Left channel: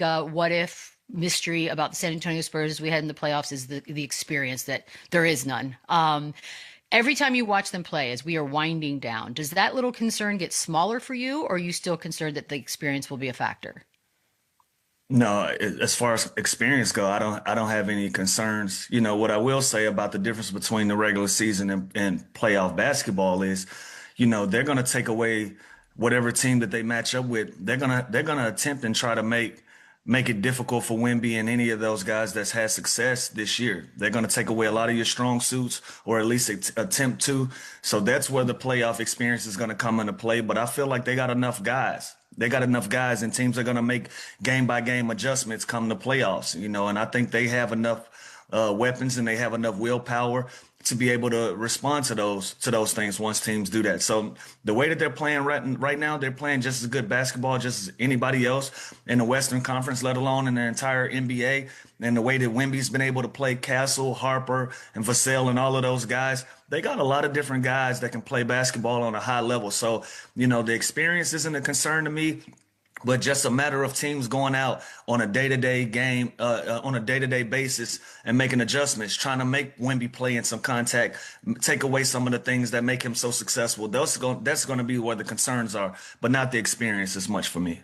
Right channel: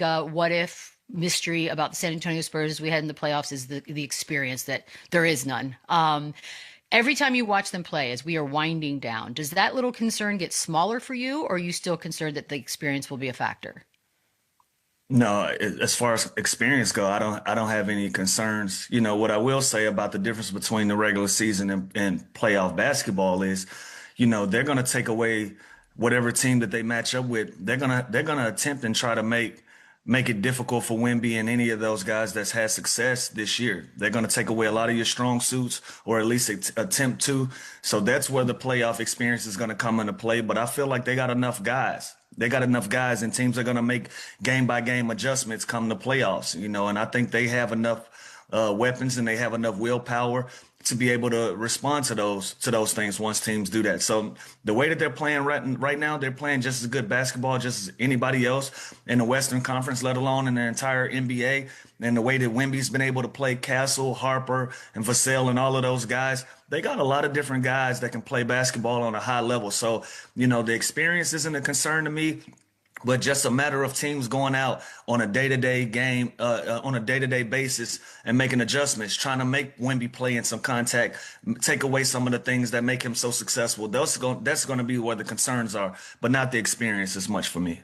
what if mystery about the San Antonio Spurs as we head in the playoffs is the experience that there is none. Every time you watch them play, as we are winding down, does that little concern get smaller for you, or are you still concerned that the experience will be a factor? No, as far as experience go, I don't have any concerns. You know, what I will say about the difference between the regular season and playoff basketball is, you know, they're going to take away whatever team that they match up with. They're gonna attempt and try to make it difficult for Wemby and any of those guys that's had success this year. They're going to take away a lot of your strong suits, or at least attempt to. So that's where the playoff experience is going to come into play. But I feel like they got enough guys. They got enough guys, and teams are going to make game by game adjustments come the playoffs, you know, and I think they have enough weapons and they have enough willpower to be able to respond to those things once teams do that. So the way that they're playing right now, they're playing just as good basketball just as anybody else in the Western Conference, let alone in the entire NBA. And the way that Wemby's been able to play Castle, Harper, and Vassell and all of those guys, they got a lot of different guys that can play basketball on a high level. So, you know, the experience isn't a concern to me, but just a matter of teams going out on a day-to-day game, on a day-to-day basis and making adjustments, trying to make Wemby play in some contact, take away some of the things that make him so successful. That's going to be where the concerns are, but not the experience as much for me.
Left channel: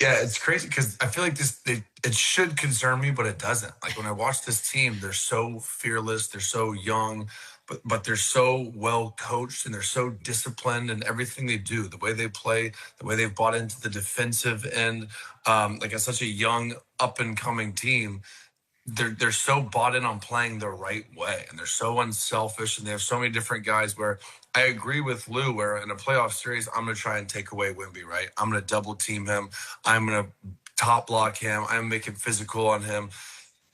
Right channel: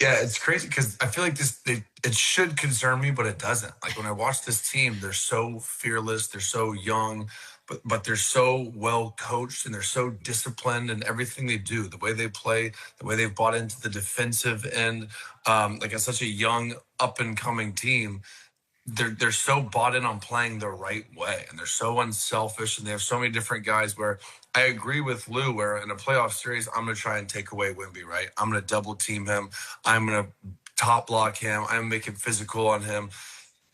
Yeah, it's crazy because I feel like it should concern me, but it doesn't. Like when I watch this team, they're so fearless, they're so young, but they're so well coached and they're so disciplined in everything they do, the way they play, the way they've bought into the defensive end. Like as such a young up and coming team, they're so bought in on playing the right way, and they're so unselfish, and they have so many different guys where I agree with Lou, where in a playoff series, I'm going to try and take away Wemby, right? I'm going to double team him. I'm going to top block him. I'm making physical on him.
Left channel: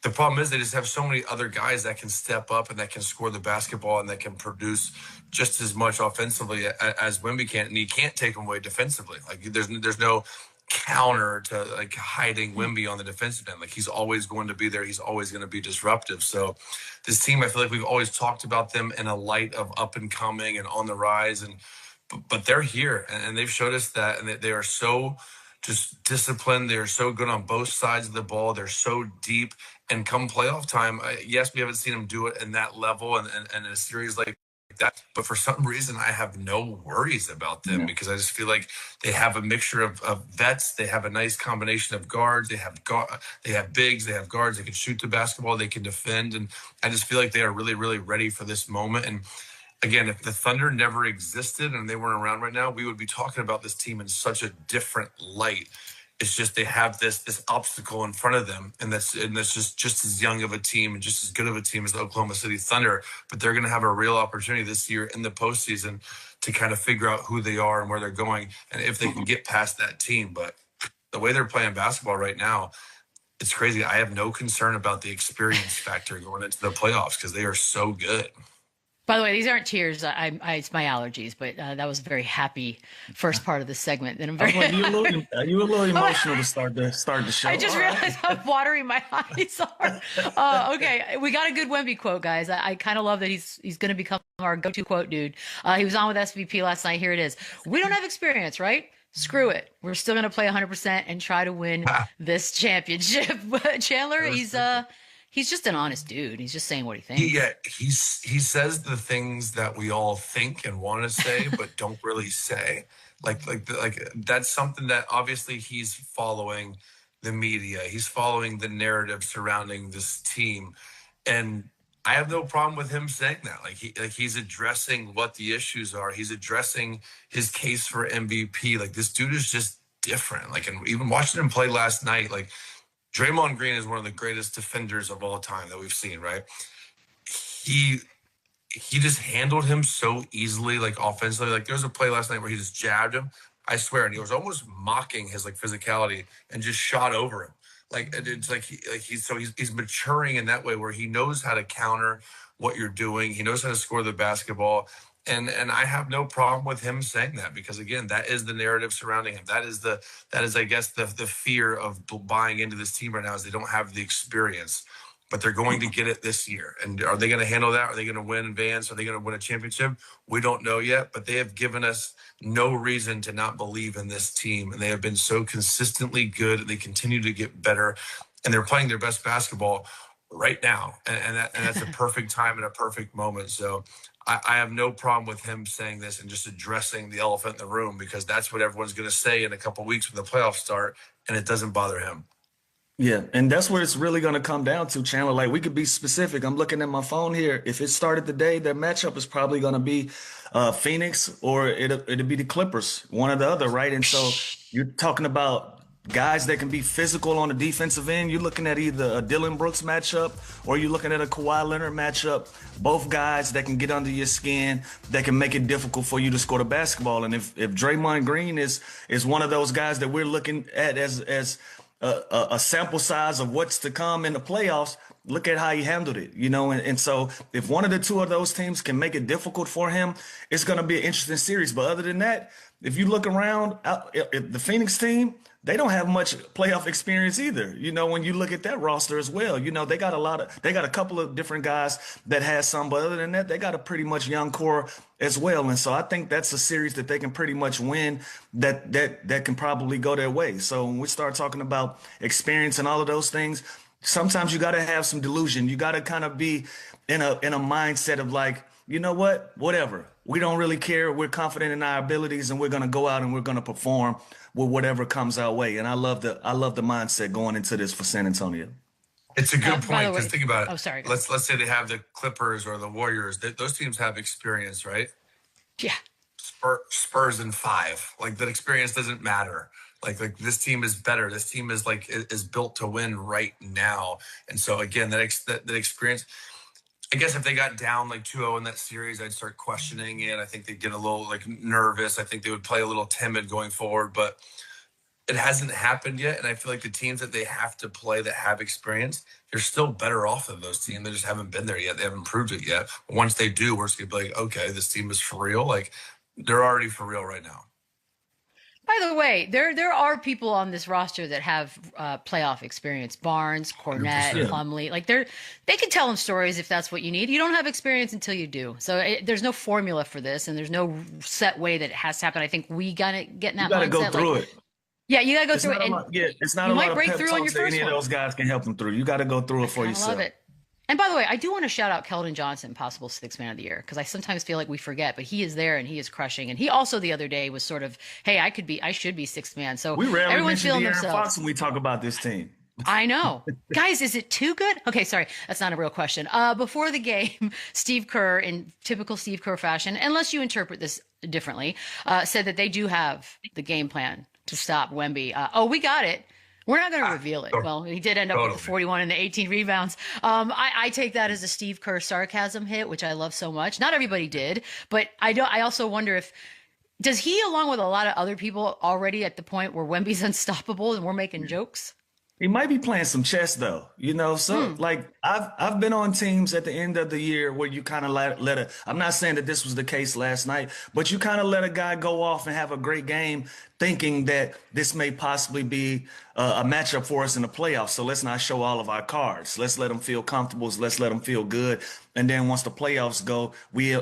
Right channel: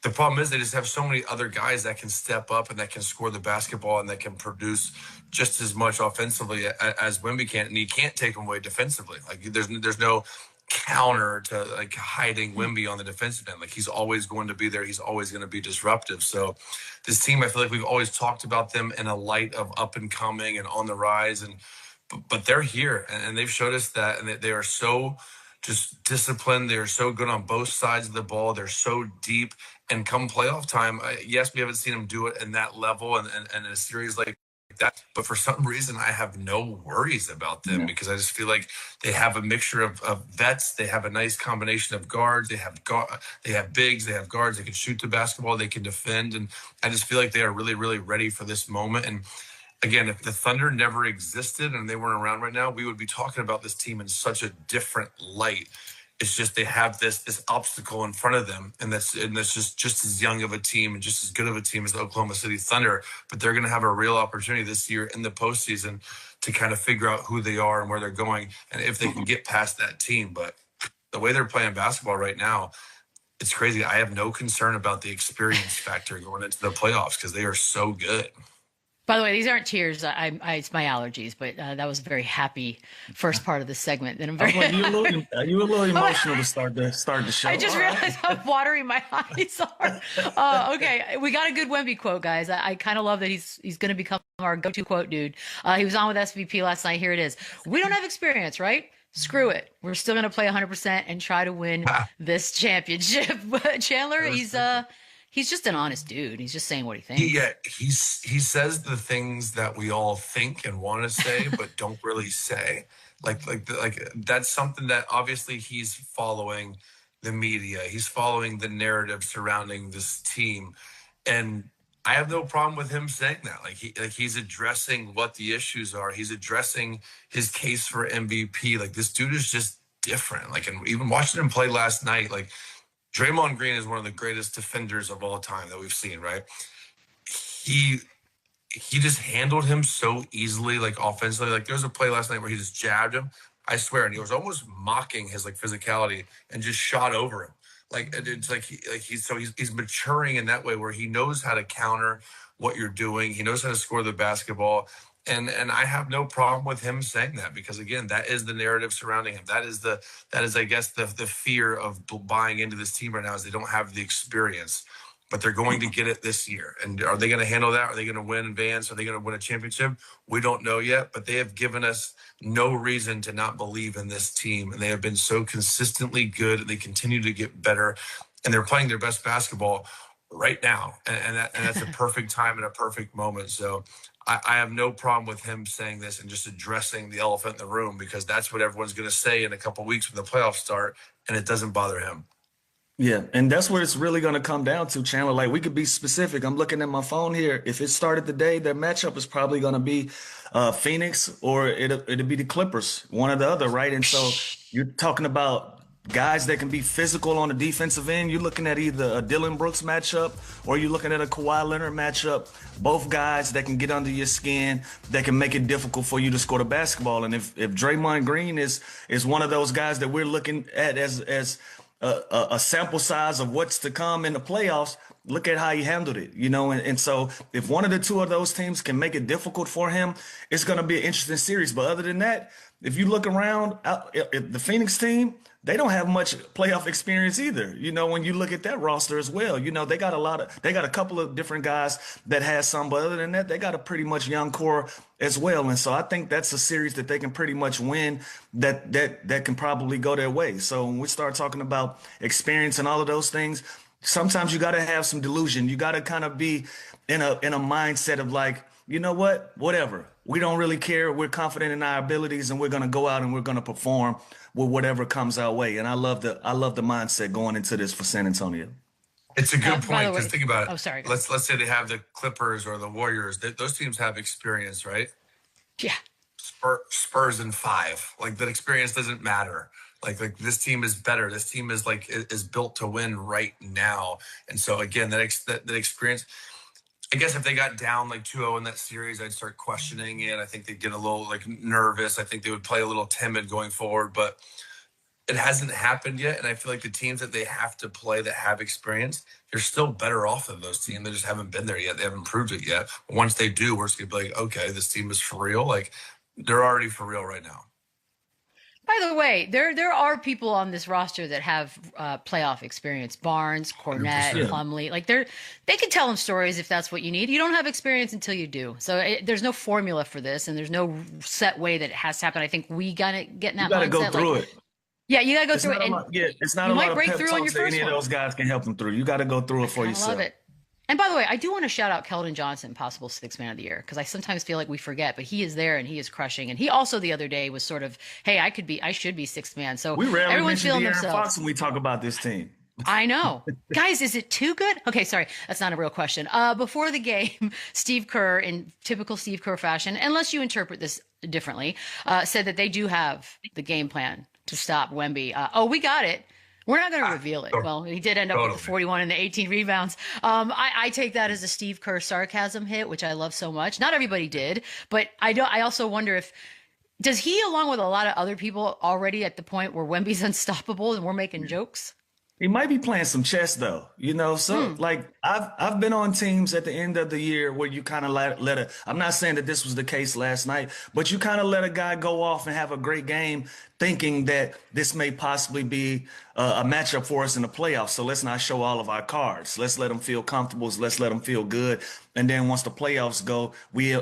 The problem is they just have so many other guys that can step up and that can score the basketball and that can produce just as much offensively as Wemby can, and you can't take him away defensively. Like there's no counter to like hiding Wemby on the defensive end. Like he's always going to be there. He's always going to be disruptive. So this team, I feel like we've always talked about them in a light of up and coming and on the rise, but they're here and they've showed us that, and they are so just disciplined. They're so good on both sides of the ball. They're so deep. And come playoff time, yes, we haven't seen them do it in that level and in a series like that. But for some reason, I have no worries about them because I just feel like they have a mixture of vets. They have a nice combination of guards. They have bigs. They have guards. They can shoot the basketball. They can defend. And I just feel like they are really, really ready for this moment. And again, if the Thunder never existed and they weren't around right now, we would be talking about this team in such a different light. It's just they have this obstacle in front of them, and that's just as young of a team and just as good of a team as the Oklahoma City Thunder. But they're going to have a real opportunity this year in the postseason to kind of figure out who they are and where they're going, and if they can get past that team. But the way they're playing basketball right now, it's crazy. I have no concern about the experience factor going into the playoffs because they are so good. By the way, these aren't tears. It's my allergies, but that was a very happy first part of the segment. And I'm very you were a little emotional to start the show. I just realized I'm watering my eyes. Okay, we got a good Wemby quote, guys. I kind of love that he's going to become our go-to quote dude. He was on with SVP last night. Here it is. We don't have experience, right? Screw it. We're still going to play 100% and try to win this championship. But Chandler, he's just an honest dude. He's just saying what he thinks. He says the things that we all think and want to say, but don't really say. Like that's something that obviously he's following the media. He's following the narrative surrounding this team, and I have no problem with him saying that. He's addressing what the issues are. He's addressing his case for MVP. Like this dude is just different. Like, and even watching him play last night, like. Draymond Green is one of the greatest defenders of all time that we've seen, right? He just handled him so easily, like offensively. Like there was a play last night where he just jabbed him, I swear, and he was almost mocking his like physicality and just shot over him. Like it's like he's maturing in that way where he knows how to counter what you're doing. He knows how to score the basketball. And I have no problem with him saying that because again, that is the narrative surrounding him. That is I guess the fear of buying into this team right now is they don't have the experience. but they're going to get it this year. And are they going to handle that? Are they going to win advance? Are they going to win a championship? We don't know yet, but they have given us no reason to not believe in this team. And they have been so consistently good. They continue to get better, and they're playing their best basketball right now. And that's a perfect time and a perfect moment. So I have no problem with him saying this and just addressing the elephant in the room, because that's what everyone's going to say in a couple of weeks when the playoffs start, and it doesn't bother him. Yeah, and that's what it's really going to come down to, Chandler. Like, we could be specific. I'm looking at my phone here. If it started today, their matchup is probably going to be Phoenix, or it'll be the Clippers, one or the other, right? And so you're talking about guys that can be physical on the defensive end. You're looking at either a Dylan Brooks matchup, or you're looking at a Kawhi Leonard matchup. Both guys that can get under your skin, that can make it difficult for you to score the basketball. And if Draymond Green is one of those guys that we're looking at as a sample size of what's to come in the playoffs, look at how he handled it, and so if one of the two of those teams can make it difficult for him, it's going to be an interesting series. But other than that, if you look around, if the Phoenix team, they don't have much playoff experience either. When you look at that roster as well, they got a couple of different guys that has some, but other than that, they got a pretty much young core as well. And so I think that's a series that they can pretty much win, that can probably go their way. So when we start talking about experience and all of those things, sometimes you got to have some delusion. You got to kind of be in a mindset of like, you know what, whatever. We don't really care. We're confident in our abilities, and we're going to go out and we're going to perform with whatever comes our way. And I love the mindset going into this for San Antonio. It's a good point, because think about it. Oh, sorry. Let's say they have the Clippers or the Warriors. Those teams have experience, right? Yeah. Spurs in 5. Like, that experience doesn't matter. Like this team is better. This team is built to win right now. And so again, that experience. I guess if they got down like 2-0 in that series, I'd start questioning it. I think they'd get a little nervous. I think they would play a little timid going forward, but it hasn't happened yet. And I feel like the teams that they have to play that have experience, they're still better off than those teams. They just haven't been there yet. They haven't proved it yet. But once they do, we're just going to be like, okay, this team is for real. Like, they're already for real right now. By the way, there are people on this roster that have playoff experience. Barnes, Cornette, 100%. Plumlee. Like, they can tell them stories if that's what you need. You don't have experience until you do. So there's no formula for this, and there's no set way that it has to happen. I think we got to get in that mindset. You got to go through it. Yeah, you got to go through it. It's not a lot of pep talks that any of those guys can help them through. You got to go through it for yourself. I love it. And by the way, I do want to shout out Keldon Johnson, possible Sixth Man of the Year, because I sometimes feel like we forget, but he is there and he is crushing. And he also the other day was sort of, hey, I should be Sixth Man. So we rarely everyone's feeling De'Aaron themselves. Fox when we talk about this team. I know. Guys, is it too good? Okay, sorry. That's not a real question. Before the game, Steve Kerr, in typical Steve Kerr fashion, unless you interpret this differently, said that they do have the game plan to stop Wemby. We got it. We're not going to reveal it. Well, he did end up with the 41 and the 18 rebounds. I take that as a Steve Kerr sarcasm hit, which I love so much. Not everybody did, but I also wonder does he, along with a lot of other people, already at the point where Wemby's unstoppable and we're making jokes? He might be playing some chess though, like I've been on teams at the end of the year where you kind of I'm not saying that this was the case last night, but you kind of let a guy go off and have a great game thinking that this may possibly be a matchup for us in the playoffs. So let's not show all of our cards. Let's let them feel comfortable. Let's let them feel good. And then once the playoffs go, we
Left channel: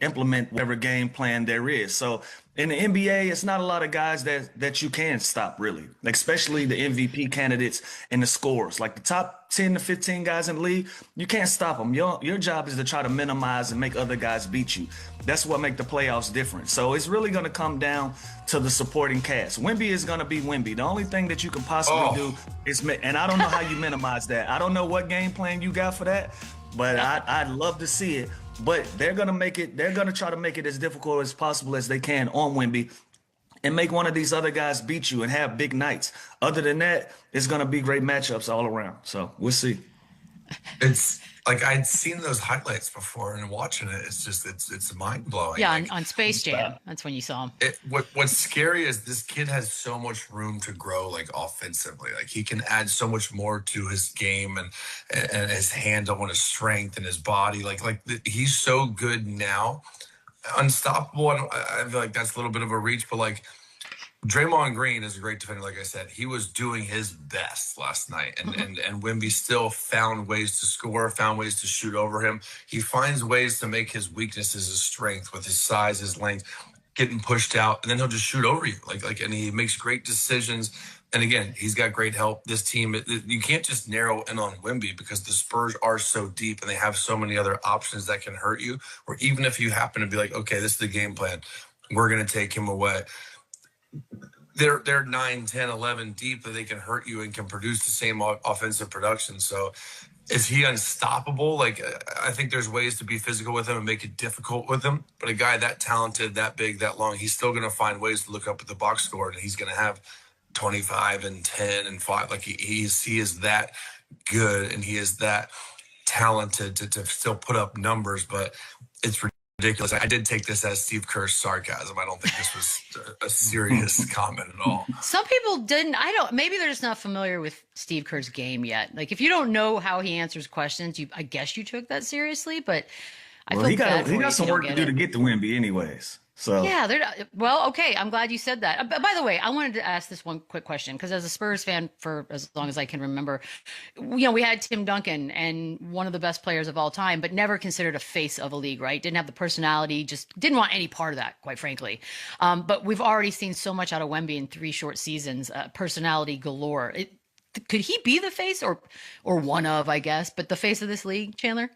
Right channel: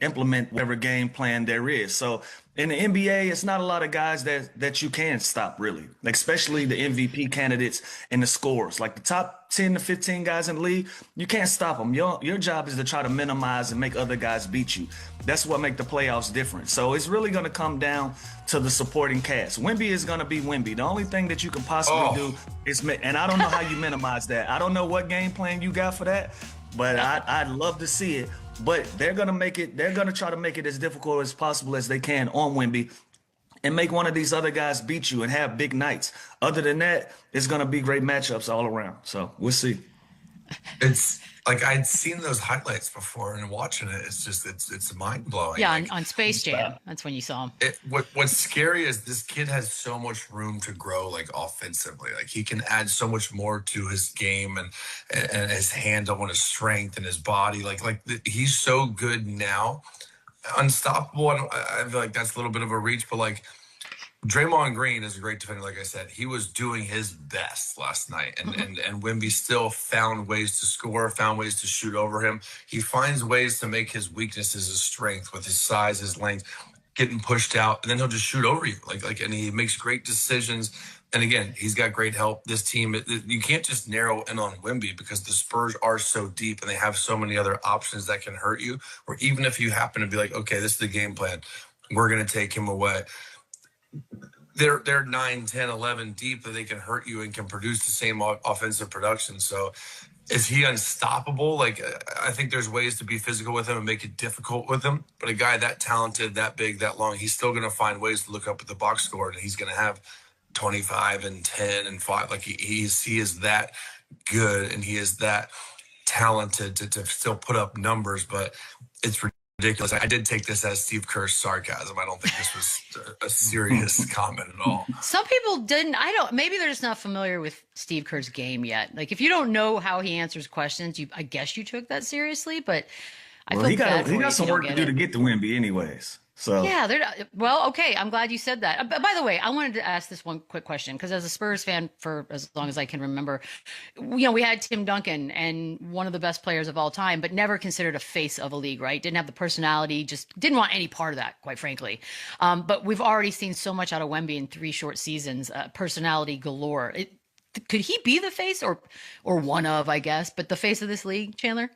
implement whatever game plan there is. So in the NBA, it's not a lot of guys that you can stop, really, especially the MVP candidates and the scorers. Like the top 10 to 15 guys in the league, you can't stop them. Your job is to try to minimize and make other guys beat you. That's what makes the playoffs different. So it's really going to come down to the supporting cast. Wemby is going to be Wemby. The only thing that you can possibly do is and I don't know how you minimize that. I don't know what game plan you got for that, but I'd love to see it. But they're going to make it. They're going to try to make it as difficult as possible as they can on Wemby, and make one of these other guys beat you and have big nights. Other than that, it's going to be great matchups all around. So we'll see. It's like I'd seen those highlights before, and watching it, it's mind blowing. Yeah, on Space Jam, that's when you saw him. What's scary is this kid has so much room to grow, like offensively. Like he can add so much more to his game and his handle and his strength and his body. He's so good now, unstoppable. I feel like that's a little bit of a reach, but like Draymond Green is a great defender, like I said. He was doing his best last night, and Wemby still found ways to score, found ways to shoot over him. He finds ways to make his weaknesses his strength with his size, his length, getting pushed out, and then he'll just shoot over you. And he makes great decisions. And again, he's got great help. This team, you can't just narrow in on Wemby because the Spurs are so deep and they have so many other options that can hurt you. Or even if you happen to be like, okay, this is the game plan, we're going to take him away. They're 9, 10, 11 deep that they can hurt you and can produce the same offensive production. So is he unstoppable? Like, I think there's ways to be physical with him and make it difficult with him. But a guy that talented, that big, that long, he's still going to find ways to look up at the box score, and he's going to have 25 and 10 and 5. Like, he is that good, and he is that talented to still put up numbers. But it's ridiculous. I did take this as Steve Kerr's sarcasm. I don't think this was a serious comment at all. Some people didn't. Maybe they're just not familiar with Steve Kerr's game yet. Like, if you don't know how he answers questions, I guess you took that seriously. But I feel bad for he you got if some you work don't to get do it. to get to Wemby, anyways. So Yeah, well, okay. I'm glad you said that. By the way, I wanted to ask this one quick question because as a Spurs fan for as long as I can remember, we had Tim Duncan and one of the best players of all time, but never considered a face of a league, right? Didn't have the personality, just didn't want any part of that, quite frankly. But we've already seen so much out of Wemby in 3 short seasons, personality galore. Could he be the face or one of, I guess, but the face of this league, Chandler?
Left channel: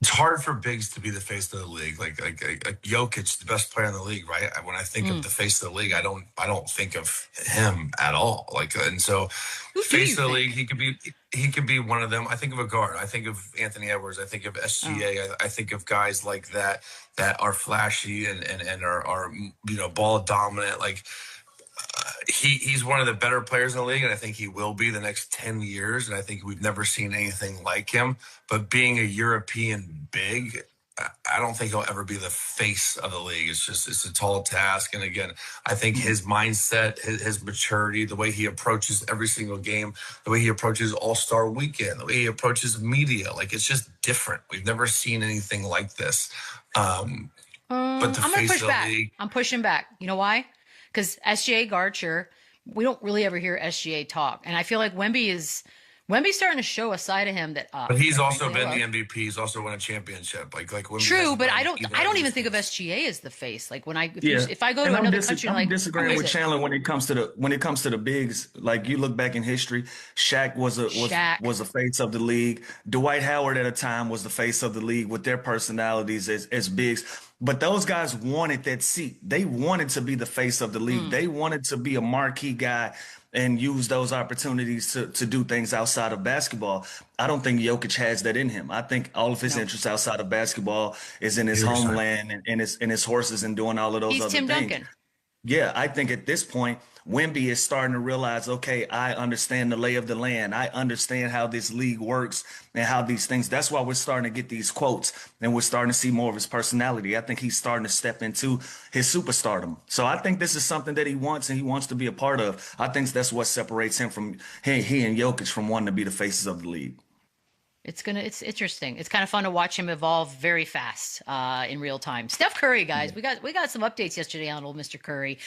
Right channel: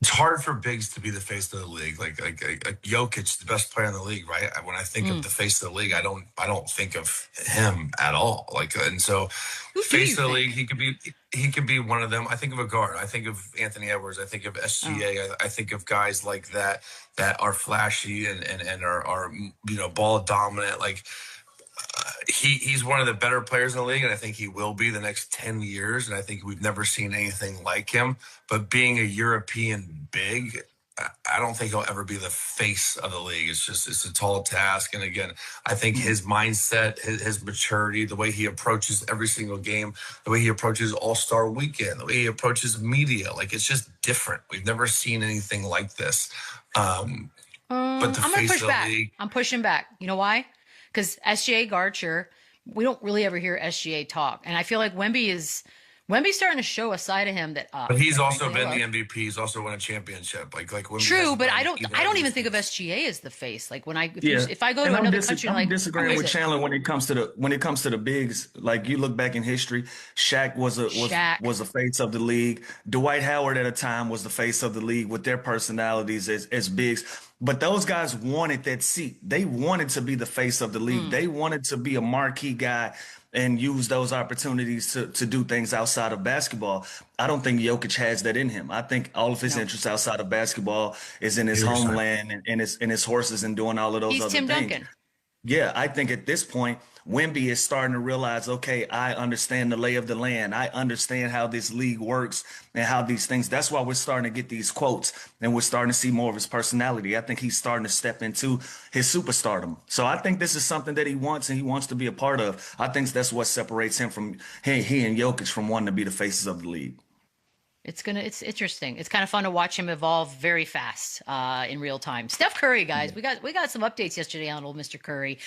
It's hard for bigs to be the face of the league. Like Jokic, the best player in the league, right? When I think of the face of the league, I don't think of him at all. And so face of the league, he could be one of them. I think of a guard. I think of Anthony Edwards. I think of SGA. I think of guys like that are flashy and are ball dominant. Like he's one of the better players in the league, and I think he will be the next 10 years. And I think we've never seen anything like him. But being a European big, I don't think he'll ever be the face of the league. It's a tall task. And again, I think his mindset, his maturity, the way he approaches every single game, the way he approaches All-Star Weekend, the way he approaches media, like it's just different. We've never seen anything like this. But the I'm going to face push of the back. league, I'm pushing back. You know why? Because SGA guard, sure, we don't really ever hear SGA talk. And I feel like Wemby's starting to show a side of him that. but he's also been the MVP. He's also won a championship. Like Wemby True, but I don't even think of SGA as the face. Like if I go to another country, I'm like disagreeing with Chandler when it comes to the bigs. Like you look back in history, Shaq was a face of the league. Dwight Howard at a time was the face of the league with their personalities as bigs. But those guys wanted that seat. They wanted to be the face of the league. They wanted to be a marquee guy and use those opportunities to do things outside of basketball. I don't think Jokic has that in him. I think all of his interests outside of basketball is in his homeland and his horses and doing all of those he's other Tim things. Duncan. Yeah, I think at this point, Wemby is starting to realize, okay, I understand the lay of the land. I understand how this league works and how these things. That's why we're starting to get these quotes and we're starting to see more of his personality. I think he's starting to step into his superstardom. So I think this is something that he wants and he wants to be a part of. I think that's what separates him from he and Jokic from wanting to be the faces of the league. It's interesting. It's kind of fun to watch him evolve very fast in real time. Steph Curry, guys, we got some updates yesterday on old Mr. Curry.